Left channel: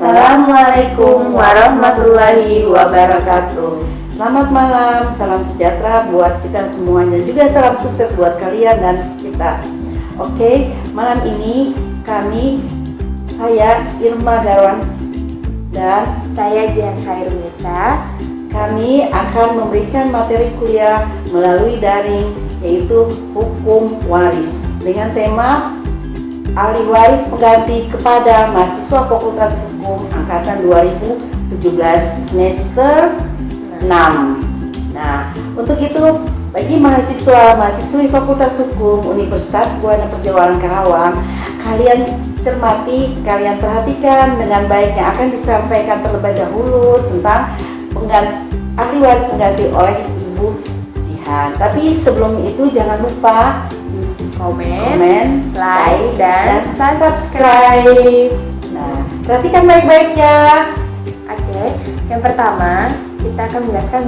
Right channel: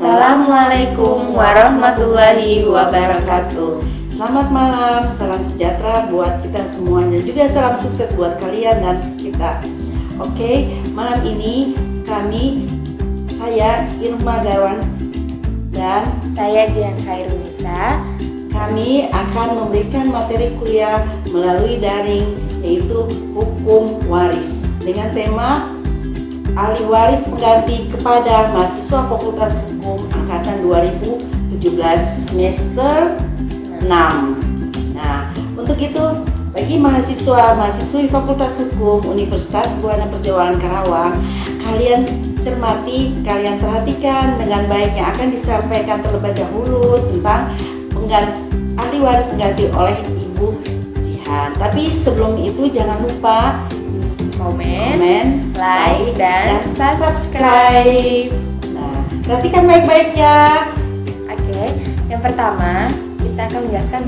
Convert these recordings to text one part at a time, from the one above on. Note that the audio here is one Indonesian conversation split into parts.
Assalamualaikum warahmatullahi wabarakatuh. Selamat malam, salam sejahtera buat kita semuanya, juga salam sukses buat kalian dan kita. Oke, malam ini saya Irma Garwan dan Saya Jihan Khairunisa. kami akan memberikan materi kuliah melalui daring, yaitu hukum waris dengan tema ahli waris pengganti kepada mahasiswa Fakultas Hukum angkatan 2017 semester 6. Nah, untuk itu bagi mahasiswi Fakultas Hukum Universitas Buana Perjuangan Karawang, kalian cermati, kalian perhatikan dengan baik yang akan disampaikan terlebih dahulu tentang ahli waris pengganti oleh Ibu Jihan. Tapi sebelum itu jangan lupa komen, like, dan subscribe. Nah, perhatikan baik-baik ya. Oke, yang pertama kita akan menjelaskan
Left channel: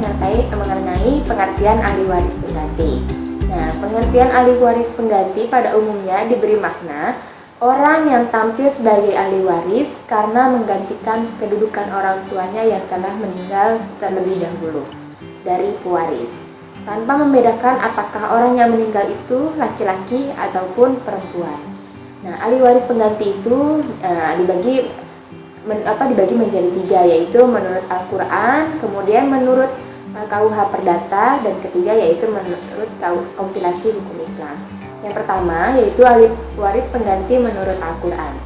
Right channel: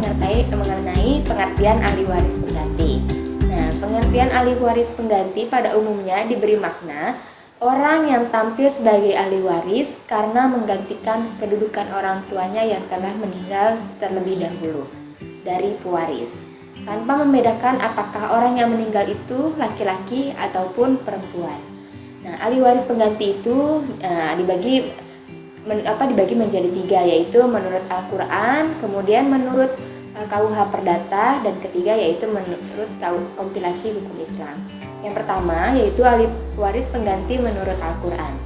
mengenai pengertian ahli waris pengganti. Nah, pengertian ahli waris pengganti pada umumnya diberi makna orang yang tampil sebagai ahli waris karena menggantikan kedudukan orang tuanya yang telah meninggal terlebih dahulu dari pewaris, tanpa membedakan apakah orang yang meninggal itu laki-laki ataupun perempuan. Nah, ahli waris pengganti itu dibagi menjadi 3, yaitu menurut Al-Quran, kemudian menurut KUH Perdata, dan ketiga yaitu menurut kompilasi hukum Islam. Yang pertama yaitu ahli waris pengganti menurut Al-Quran.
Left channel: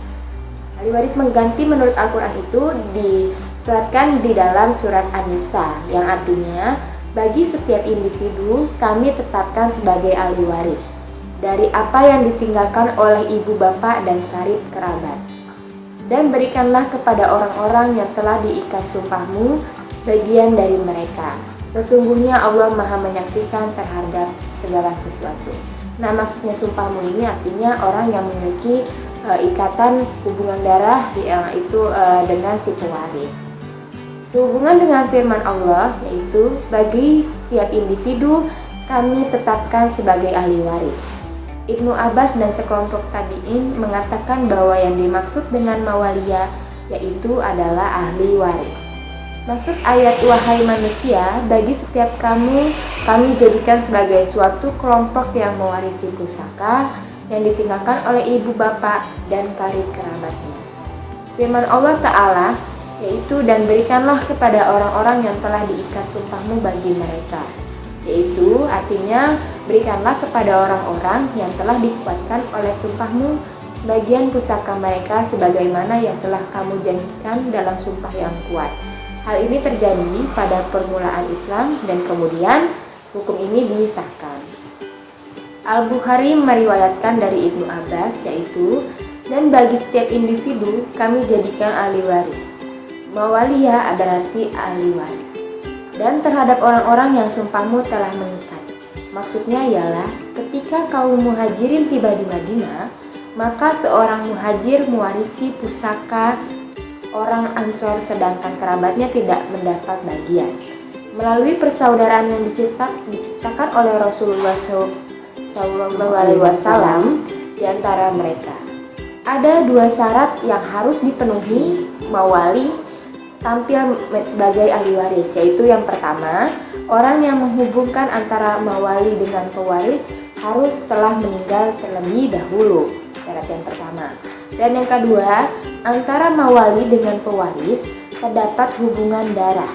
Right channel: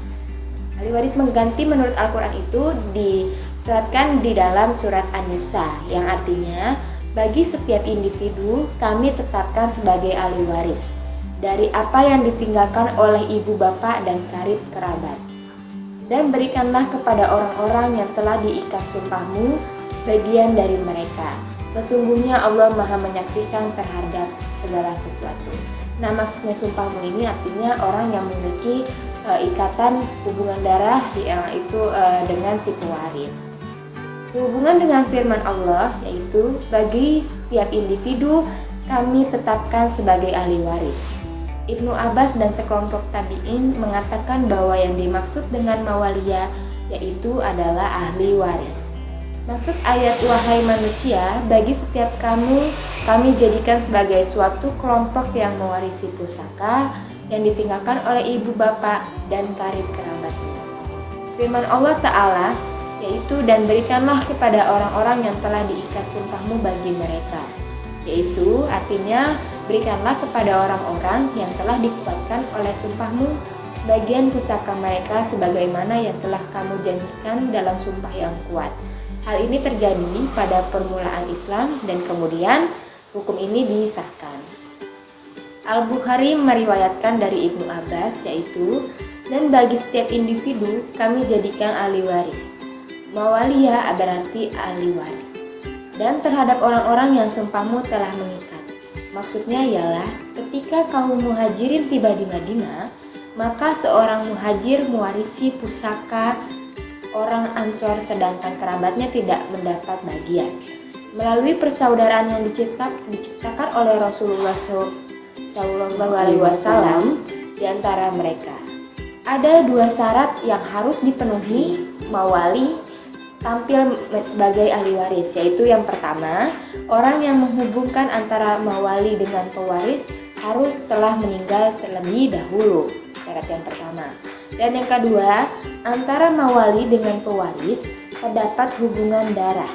Ahli waris pengganti menurut Al-Quran itu diseratkan di dalam surat An-Nisa, yang artinya bagi setiap individu kami tetapkan sebagai ahli waris dari apa yang ditinggalkan oleh ibu bapak dan karib kerabat. Dan berikanlah kepada orang-orang yang telah diikat sumpahmu bagian dari mereka. Sesungguhnya Allah Maha menyaksikan terhadap segala sesuatu. Nah, maksudnya sumpahmu ini artinya orang yang memiliki ikatan hubungan darah itu dengan si pewaris. Sehubungan dengan firman Allah, yaitu bagi setiap individu kami tetapkan sebagai ahli waris. Ibnu Abbas dan sekelompok tabi'in mengatakan bahwa yang dimaksud dengan mawaliya yaitu adalah ahli waris. Maksud ayat wahai manusia, bagi setiap kamu kami jadikan sebagai suatu kelompok yang mewarisi pusaka yang ditinggalkan oleh ibu bapak dan karib kerabatnya. Firman Allah Ta'ala yaitu dan berikanlah kepada orang-orang yang telah diikat sumpahmu bagi mereka, yaitu artinya berikanlah kepada orang-orang yang telah dikuatkan oleh sumpahmu bagian pusaka mereka sebagaimana yang telah kamu janjikan dalam sumpah yang kuat. Hal ini terjadi pada permulaan Islam dan kemudian hukum ini disahkan. Al-Bukhari meriwayatkan dari Ibnu Abbas yaitu, dan bagi setiap individu kami jadikan ahli waris. Mawaliya berarti ahli waris. Dan terhadap orang-orang yang sumpahmu telah mengikat. Maksudnya ialah ketika kaum muhajirin tiba di Madinah, maka seorang muhajir mewarisi pusaka orang Ansor sedangkan kerabatnya tidak mendapat bagian. Melalui persaudaraan yang diciptakan oleh Rasulullah SAW di antara mereka. Ada 2 syarat yang harus dipenuhi mawali tampil sebagai ahli waris, yaitu yang pertama, orang yang menghubungkan antara mawali dengan pewaris harus telah meninggal terlebih dahulu, syarat yang pertama. Dan yang kedua, antara mawali dengan pewaris terdapat hubungan darah.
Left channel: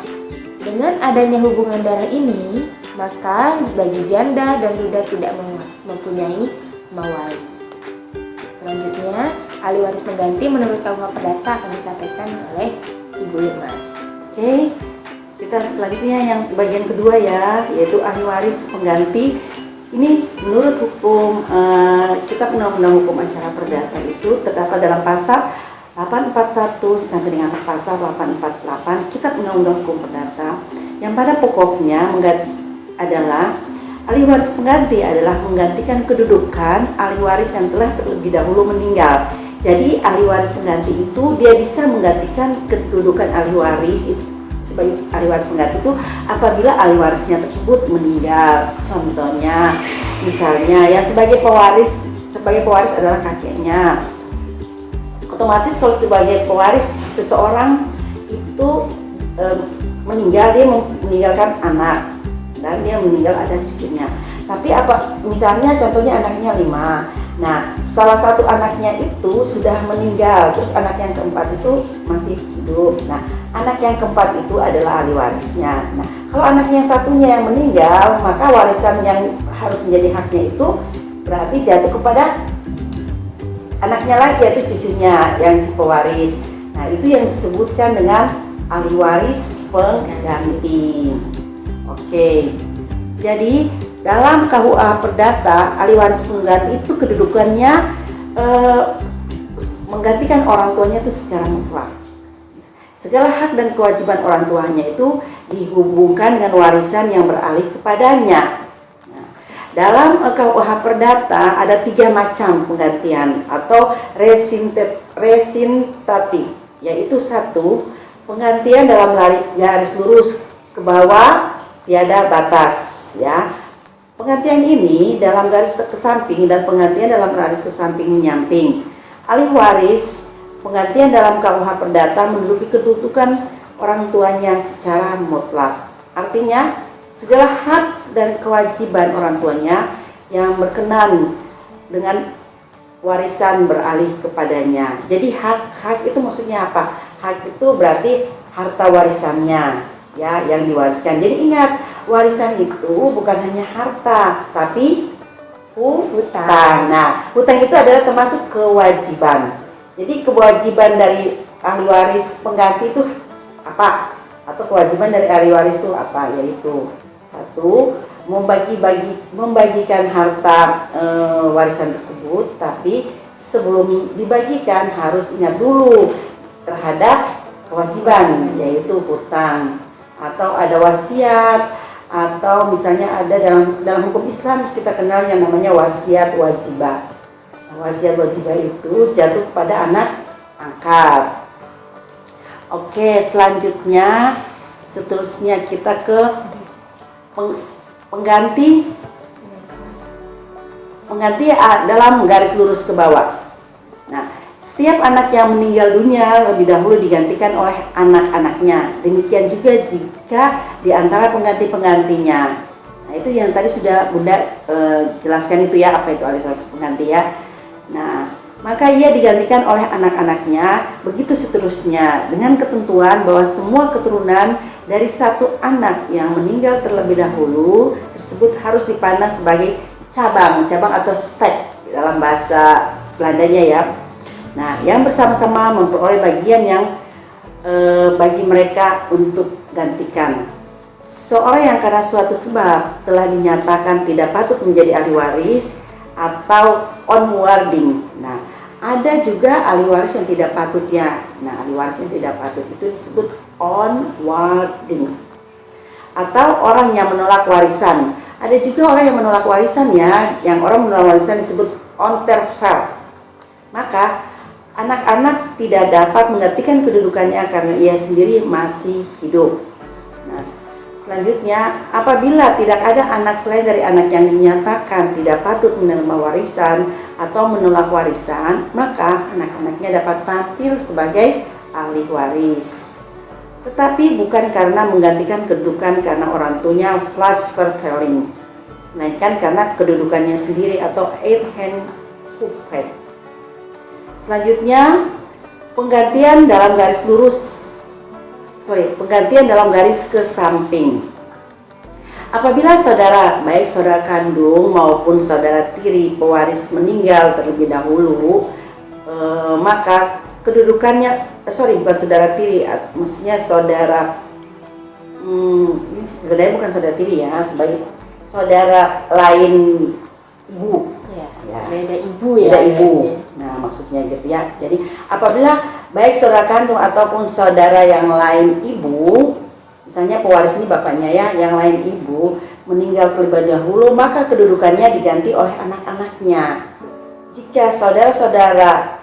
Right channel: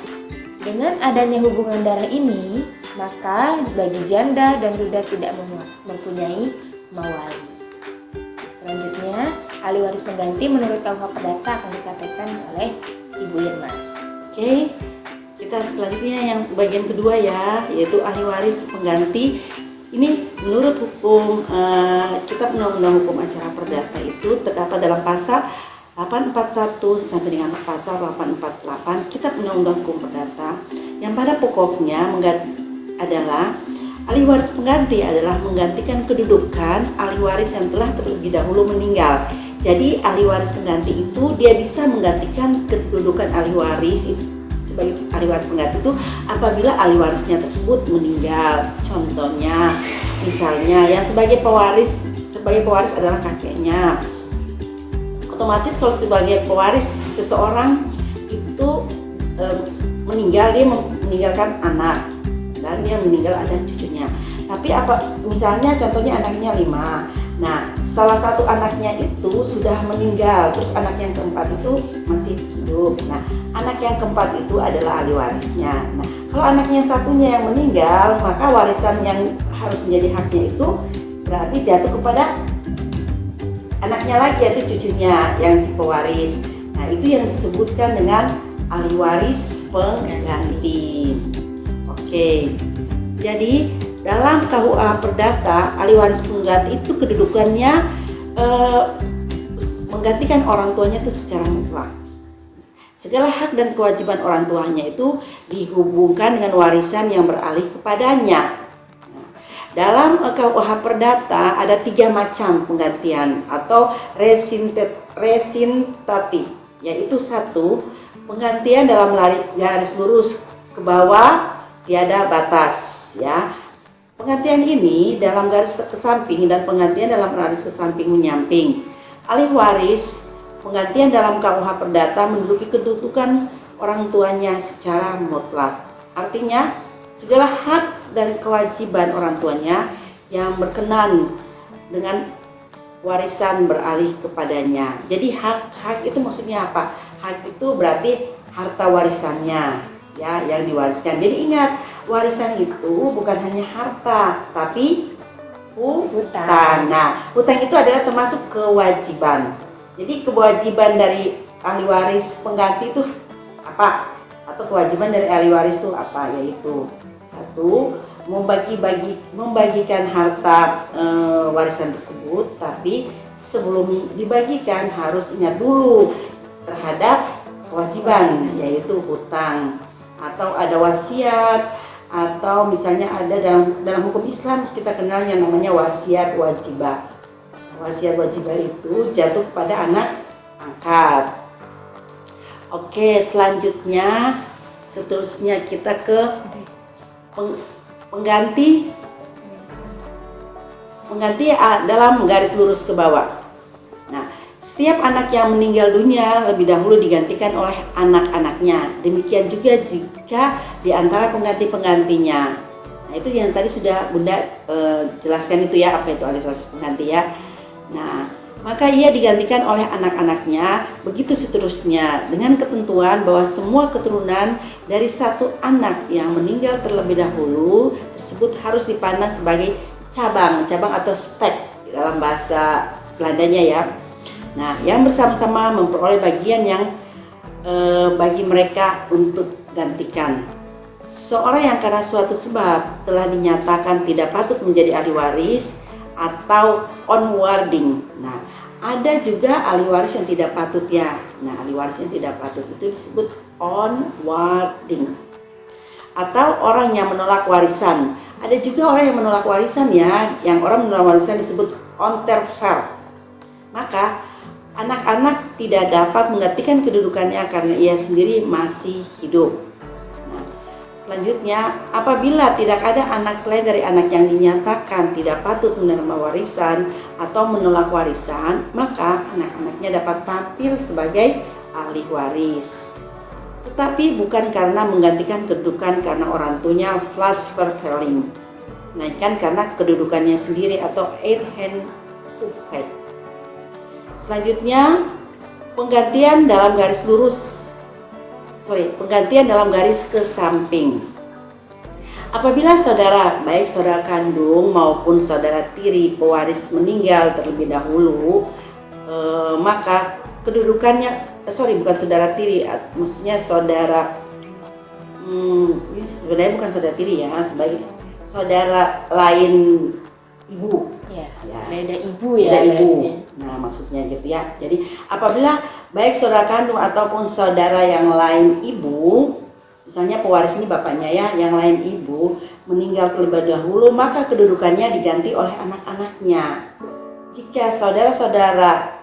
Dengan adanya hubungan darah ini, maka bagi janda dan duda tidak mempunyai mawali. Selanjutnya, ahli waris pengganti menurut KUH Perdata akan disampaikan oleh Ibu Irma. Oke, kita selanjutnya yang bagian kedua ya, yaitu ahli waris pengganti. Ini menurut hukum Kitab Undang-Undang Hukum Acara Perdata itu terdapat dalam pasal 841 sampai dengan pasal 848 Kitab Undang-Undang Hukum Perdata, yang pada pokoknya adalah ahli waris pengganti adalah menggantikan kedudukan ahli waris yang telah terlebih dahulu meninggal. Jadi ahli waris pengganti itu dia bisa menggantikan kedudukan ahli waris sebagai ahli waris pengganti itu apabila ahli warisnya tersebut meninggal. Contohnya, misalnya yang sebagai pewaris adalah kakeknya, Otomatis kalau sebagai pewaris seseorang itu meninggal, dia meninggalkan anak dan dia meninggal ada cucunya. Tapi apa misalnya contohnya anaknya 5. Nah, salah satu anaknya itu sudah meninggal, terus anak yang keempat itu masih hidup. Nah, anak yang keempat itu adalah ahli warisnya. Nah, kalau anaknya satunya yang meninggal, maka warisan yang harus menjadi haknya itu berarti jatuh kepada anaknya lagi, yaitu cucunya yang si pewaris. Nah, itu yang disebutkan dengan ahli waris pengganti. Oke. Jadi dalam KUA Perdata, ahli waris pengganti itu kedudukannya menggantikan orang tuanya itu secara mutlak. Segala hak dan kewajiban orang tuanya itu dihubungkan dengan warisan yang beralih kepadanya. Nah, dalam KUH Perdata ada 3 macam penggantian atau resintati, yaitu 1, penggantian dalam garis lurus ke bawah tiada batas, ya. Penggantian ini dalam garis ke samping dan penggantian dalam garis ke samping menyamping. Ahli waris penggantian dalam KUH Perdata menduduki kedudukan orang tuanya secara mutlak. Artinya segala hak dan kewajiban orang tuanya yang berkenan dengan warisan beralih kepadanya. Jadi hak itu maksudnya apa? Hak itu berarti harta warisannya, ya, yang diwariskan. Jadi ingat, warisan itu bukan hanya harta, tapi hutang. Nah, hutang itu adalah termasuk kewajiban. Jadi kewajiban dari ahli waris pengganti itu apa? Atau kewajiban dari ahli waris itu apa? Yaitu 1, membagikan harta warisan tersebut, tapi sebelum dibagikan harus ingat dulu terhadap kewajiban, yaitu hutang, atau ada wasiat, atau misalnya ada dalam hukum Islam kita kenal yang namanya wasiat wajibah. Wasiat wajibah itu jatuh kepada anak angkat. Oke, seterusnya kita ke pengganti dalam garis lurus ke bawah. Nah, setiap anak yang meninggal dunia lebih dahulu digantikan oleh anak-anaknya. Demikian juga jika di antara pengganti-penggantinya. Nah, itu yang tadi sudah Bunda jelaskan itu ya, apa itu ahli waris pengganti ya. Nah, maka ia digantikan oleh anak-anaknya, begitu seterusnya dengan ketentuan bahwa semua keturunan dari satu anak yang meninggal terlebih dahulu tersebut harus dipandang sebagai cabang atau stek dalam bahasa Belandanya ya. Nah, yang bersama-sama memperoleh bagian yang bagi mereka untuk gantikan. Seorang yang karena suatu sebab telah dinyatakan tidak patut menjadi ahli waris atau onwarding. Nah, ada juga ahli waris yang tidak patut ya. Nah, ahli waris yang tidak patut itu disebut onwarding. Atau orang yang menolak warisan. Ada juga orang yang menolak warisan ya. Yang orang menolak warisan disebut onterfer. Maka anak-anak tidak dapat menggantikan kedudukannya karena ia sendiri masih hidup. Nah, selanjutnya, apabila tidak ada anak selain dari anak yang dinyatakan tidak patut menerima warisan atau menolak warisan, maka anak-anaknya dapat tampil sebagai ahli waris. Tetapi bukan karena menggantikan kedudukan karena orang tuanya flash verveling, melainkan karena kedudukannya sendiri atau Eidhenhoofheid. Selanjutnya, penggantian dalam garis ke samping. Apabila saudara, baik saudara kandung maupun saudara tiri pewaris meninggal terlebih dahulu, maka kedudukannya, bukan saudara tiri, maksudnya saudara, ini sebenarnya bukan saudara tiri ya, sebagai saudara lain ibu. Ya. Beda ibu ya. Beda ibu. Nah, maksudnya gitu ya. Jadi apabila baik saudara kandung ataupun saudara yang lain ibu, misalnya pewaris ini bapaknya ya, yang lain ibu meninggal terlebih dahulu, maka kedudukannya diganti oleh anak-anaknya. Jika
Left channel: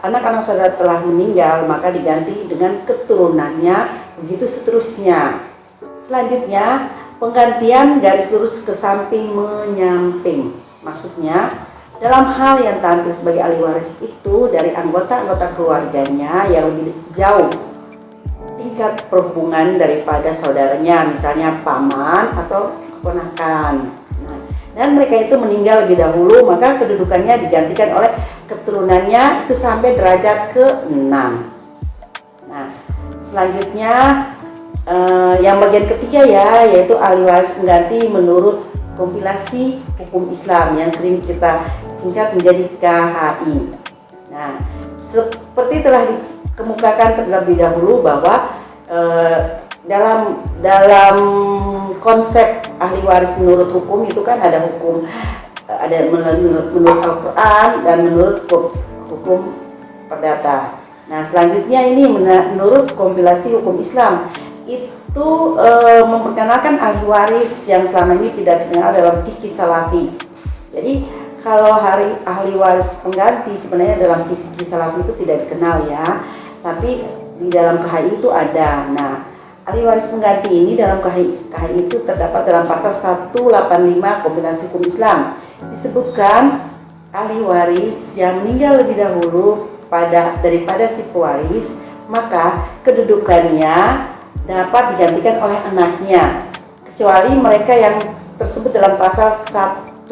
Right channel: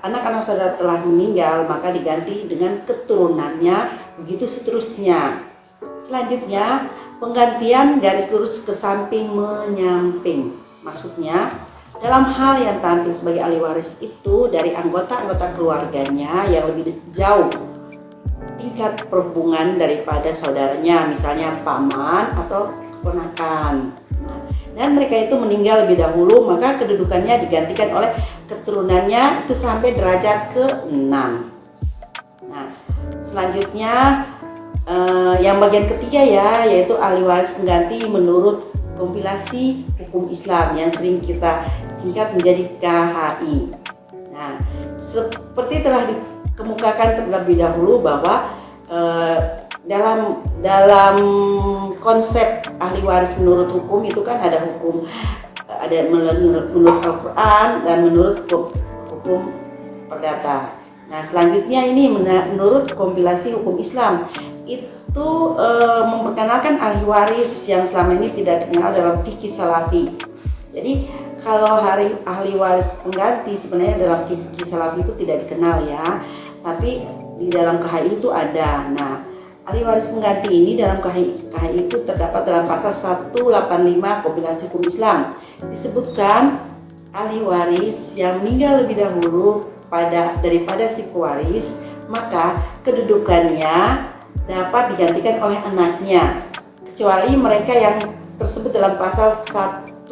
anak-anak saudara telah meninggal, maka diganti dengan keturunannya, begitu seterusnya. Selanjutnya, penggantian garis lurus ke samping menyamping. Maksudnya, dalam hal yang tampil sebagai ahli waris itu dari anggota-anggota keluarganya yang lebih jauh tingkat perhubungan daripada saudaranya, misalnya paman atau keponakan. Nah, dan mereka itu meninggal lebih dahulu, maka kedudukannya digantikan oleh keturunannya itu sampai derajat ke-6. Nah, selanjutnya yang bagian ketiga ya, yaitu ahli waris pengganti menurut kompilasi hukum Islam yang sering kita singkat menjadi KHI. Nah, seperti telah dikemukakan terlebih dahulu bahwa dalam konsep ahli waris menurut hukum itu kan ada hukum, ada menurut Al-Quran dan menurut hukum perdata. Nah, selanjutnya ini menurut kompilasi hukum Islam itu memperkenalkan ahli waris yang selama ini tidak dikenal dalam fikih salafi. Jadi kalau ahli waris pengganti sebenarnya dalam fikih salafi itu tidak dikenal ya, tapi di dalam KHI itu ada. Nah, ahli waris pengganti ini dalam KHI itu terdapat dalam pasal 185 kompilasi hukum Islam. Disebutkan ahli waris yang meninggal lebih dahulu daripada si pewaris, maka kedudukannya dapat digantikan oleh anaknya, kecuali mereka yang tersebut dalam pasal 173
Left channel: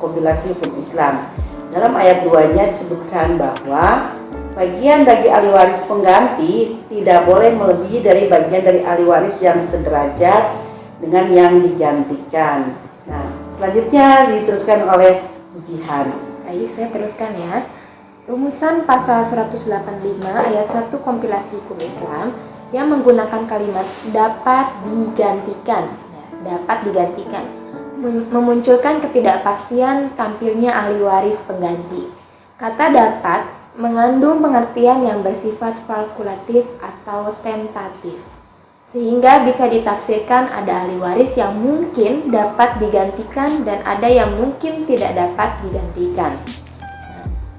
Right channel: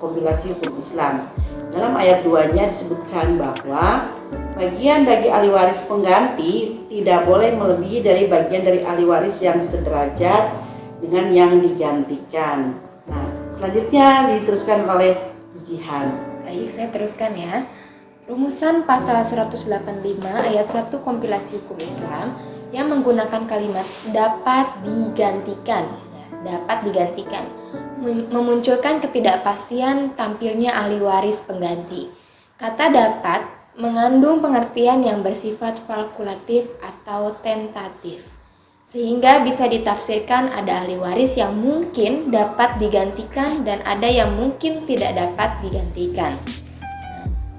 kompilasi hukum Islam. Dalam ayat 2-nya disebutkan bahwa bagian bagi ahli waris pengganti tidak boleh melebihi dari bagian dari ahli waris yang sederajat dengan yang digantikan. Nah, selanjutnya diteruskan oleh Jihan. Baik, saya teruskan ya. Rumusan pasal 185 ayat 1 kompilasi hukum Islam yang menggunakan kalimat dapat digantikan. Dapat digantikan memunculkan ketidakpastian tampilnya ahli waris pengganti. Kata dapat mengandung pengertian yang bersifat fakultatif atau tentatif, sehingga bisa ditafsirkan ada ahli waris yang mungkin dapat digantikan dan ada yang mungkin tidak dapat digantikan.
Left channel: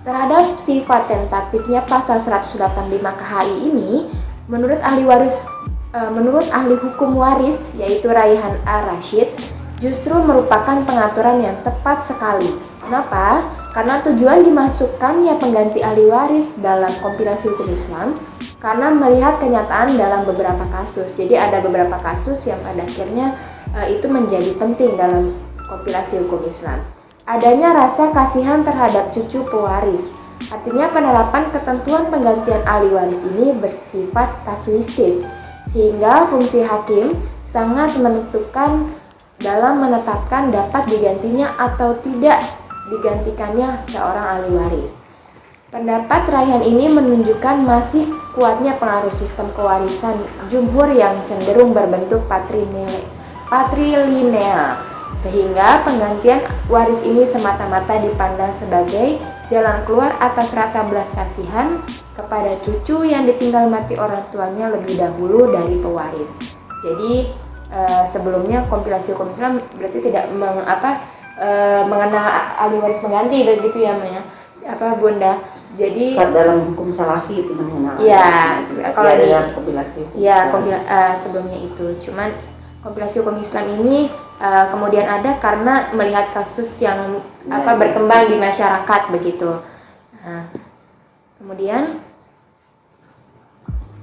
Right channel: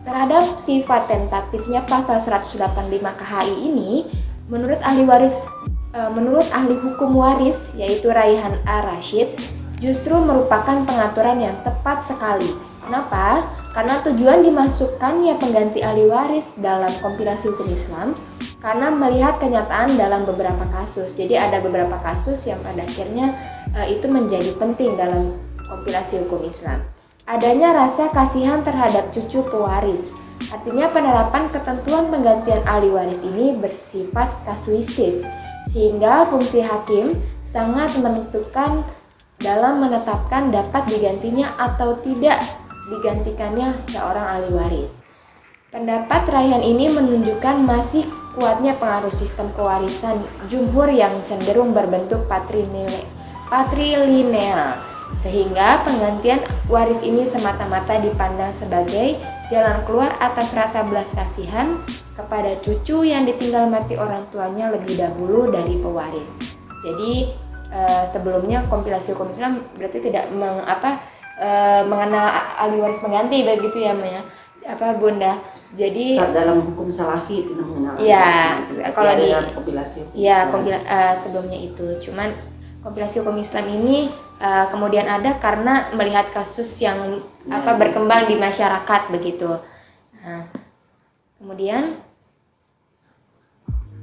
Terhadap sifat tentatifnya pasal 185 KHI ini, menurut ahli hukum waris yaitu Raihan A-Rashid, justru merupakan pengaturan yang tepat sekali. Kenapa? Karena tujuan dimasukkannya pengganti ahli waris dalam kompilasi hukum Islam karena melihat kenyataan dalam beberapa kasus. Jadi ada beberapa kasus yang pada akhirnya itu menjadi penting dalam kompilasi hukum Islam. Adanya rasa kasihan terhadap cucu pewaris. Artinya penerapan ketentuan penggantian ahli waris ini bersifat kasuistis, sehingga fungsi hakim sangat menentukan dalam menetapkan dapat digantinya atau tidak digantikannya seorang ahli waris. Pendapat Raihan ini menunjukkan masih kuatnya pengaruh sistem pewarisan jumhur yang cenderung berbentuk patrilineal, sehingga penggantian waris ini semata-mata dipandang sebagai jalan keluar atas rasa belas kasihan kepada cucu yang ditinggal mati orang tuanya lebih dahulu dari pewaris. Jadi sebelumnya kompilasi hukum Islam berarti tidak mengenal ahli waris pengganti begitu ya, Maya? Bunda. Jadi dalam hukum salafi itu mengenal. Ya, kalau di kompilasi hukum ya sebelumnya itu. Cuman kompilasi hukum Islam ini kemudian ada karena melihat kasus yang berkembang di masyarakat begitu. Nah, kemudian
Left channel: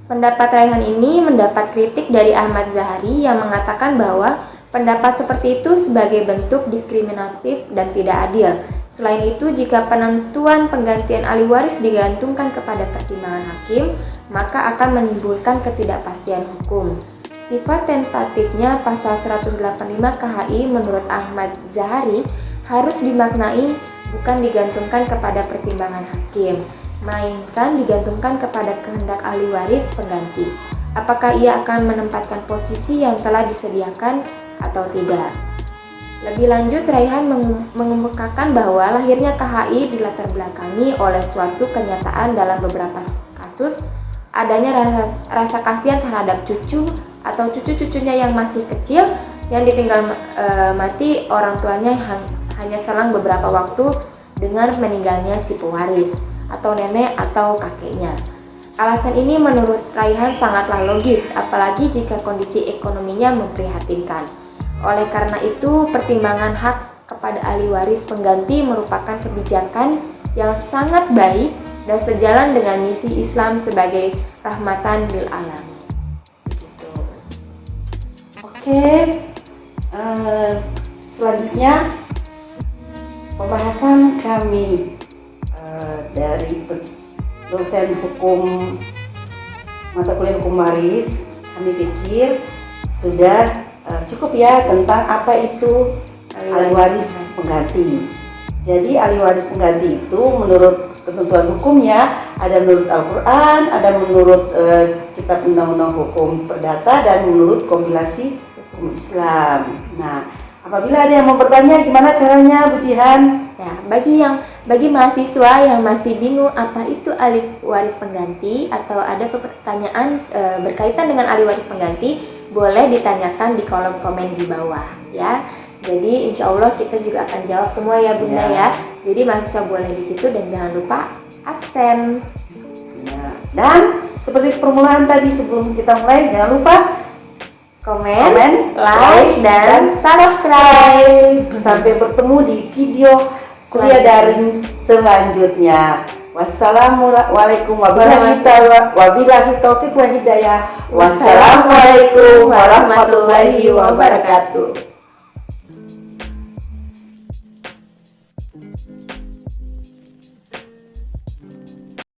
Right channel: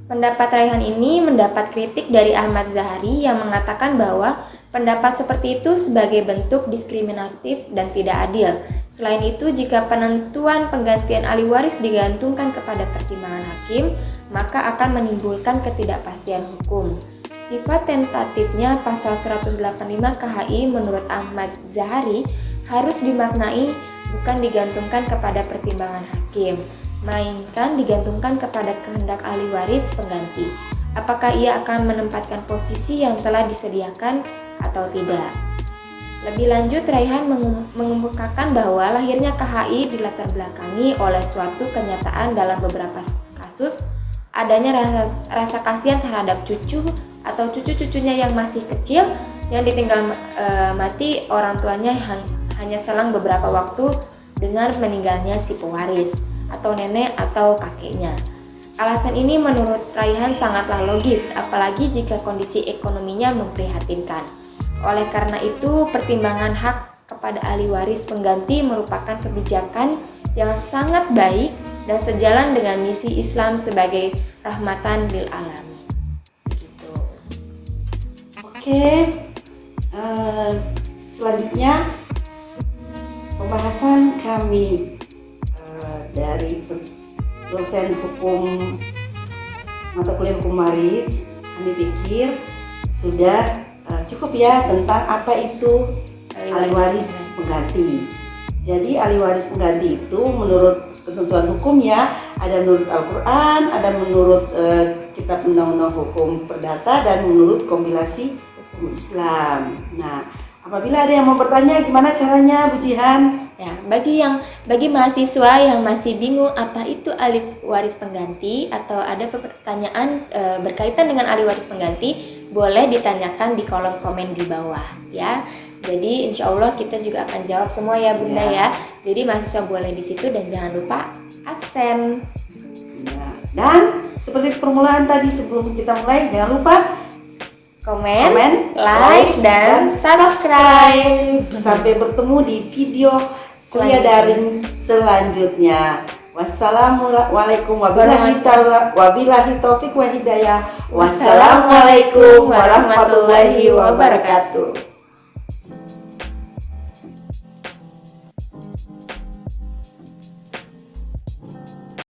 pendapat Raihan ini mendapat kritik dari Ahmad Zahari yang mengatakan bahwa pendapat seperti itu sebagai bentuk diskriminatif dan tidak adil. Selain itu, jika penentuan penggantian ahli waris digantungkan kepada pertimbangan hakim, maka akan menimbulkan ketidakpastian hukum. Sifat tentatifnya pasal 185 KHI menurut Ahmad Zahari harus dimaknai bukan digantungkan kepada pertimbangan hakim, melainkan digantungkan kepada kehendak ahli waris pengganti. Apakah ia akan menempatkan posisi yang telah disediakan atau tidak. Lebih lanjut, Raihan mengemukakan bahwa lahirnya KHI dilatar belakangi oleh suatu kenyataan dalam beberapa kasus adanya rasa kasihan terhadap cucu atau cucu-cucunya yang masih kecil yang ditinggal mati orang tuanya hanya selang beberapa waktu dengan meninggalnya si pewaris atau nenek atau kakeknya. Alasan ini menurut Raihan sangatlah logis, apalagi jika kondisi ekonominya memprihatinkan. Oleh karena itu, pertimbangan hak kepada ahli waris pengganti merupakan kebijakan yang sangat baik dan sejalan dengan misi Islam sebagai rahmatan lil alamin. Begitu. Oke, selanjutnya pembahasan kami dari dosen hukum mata kuliah hukum waris, kami pikir sudah cukup ya tentang apa itu ahli waris pengganti. Jadi ahli waris pengganti itu menurut ketentuan hukumnya ada menurut Al-Quran, ada menurut Kitab Undang-Undang Hukum Perdata, dan menurut kompilasi hukum Islam. Nah, apabila ada yang mau bertanya gimana caranya Bu Jihan? Ya, bagi mahasiswa yang masih bingung apa itu ahli waris pengganti atau ada pertanyaan berkaitan dengan ahli waris pengganti, boleh ditanyakan di kolom komen di bawah ya. Jadi insya Allah kita juga akan jawab semua ya Bunda ya. Jadi mahasiswa boleh di situ dan jangan lupa absen. Nah, dan seperti permulaan tadi sebelum kita mulai, jangan lupa komen, like, dan subscribe. Sampai bertemu di video kuliah daring selanjutnya. Wassalamualaikum wabillahi taufiq wa hidayah. Wassalamualaikum warahmatullahi wabarakatuh.